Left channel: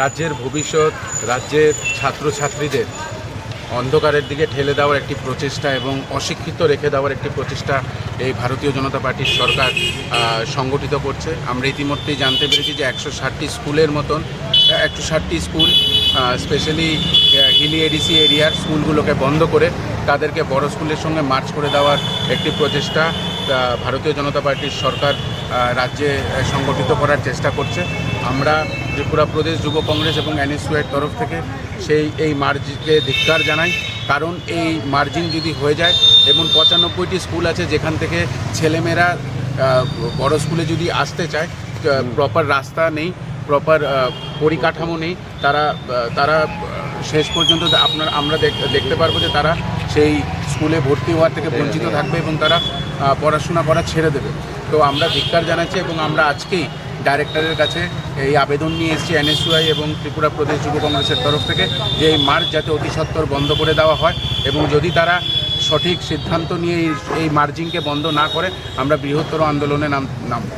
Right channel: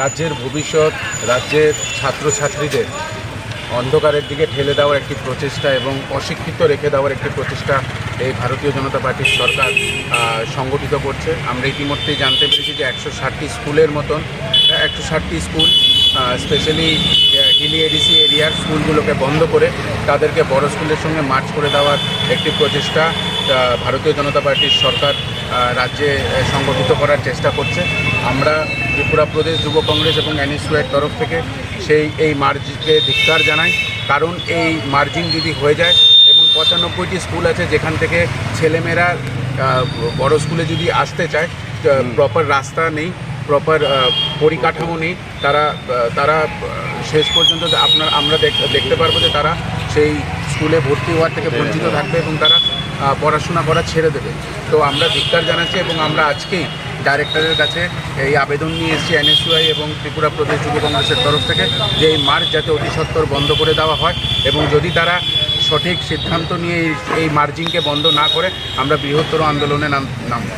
রাজ্যের ভবিষ্যৎ, রাজ্যের ছাত্রছাত্রীদের অন্ধকারের দিকে ঠেলে দেওয়ার একটি প্রচেষ্টা এবং অশিক্ষিত রেখে দেওয়ার একটি প্রচেষ্টা এই ভারতীয় জনতা পার্টির সরকার সংগঠিত করছে। আমরা ইতিমধ্যেই জানতে পেরেছি যে একশো ষাটটি স্কুলের মতন, একশো ষাটটি স্কুল স্পেশালি হিলি এডিসি এরিয়ার স্কুলগুলোকে বন্ধ করে তাদেরকে বড় স্কুলের সঙ্গে মার্চ করে দেওয়ার একটি প্রচেষ্টা ভারতীয় জনতা পার্টির সরকার রাজ্যে সংগঠিত করার চেষ্টা করছে। আমরা ত্রিপুরা প্রদেশ যুব কংগ্রেস এবং এনএসইউয়ের তরফ থেকে সেই এই মার্জিকে ধিক্কার জানাই। কারণ এই মার্জিন যদি হয়ে যায় এবং পঁচানব্বইটি স্কুল আছে যেখান থেকে ছেলেমেয়েরা বড় স্কুলে যদি আসতে চায় প্রপার রাস্তা নেই প্রপার পরিকাঠামো নেই তারা তারা শেষ পর্যন্ত আপনার আমরা দেখ- দেখতে পারব যে তারা সেই স্কুলে ভর্তি হওয়ার থেকে বঞ্চিত থাকবে এবং তারা পড়াশোনা করা ছেড়ে দেবে। তো আমরা ধিক্কার জানাচ্ছি এবং আমরা আজকেই ডাইরেক্টরের কাছে এই আবেদন নিয়ে এসেছি এনএসইউআই এবং ত্রিপুরা প্রদেশ যুব কংগ্রেসের তরফ থেকে যে এই মার্চ যাতে অতি সত্বর বন্ধ করে দেওয়া হয় এবং যদি তারা সঠিক সিদ্ধান্ত নিয়ে এই- এই মার্জিংকে বন্ধ না করে আমরা বৃহত্তর আন্দোলনে নাম নামব।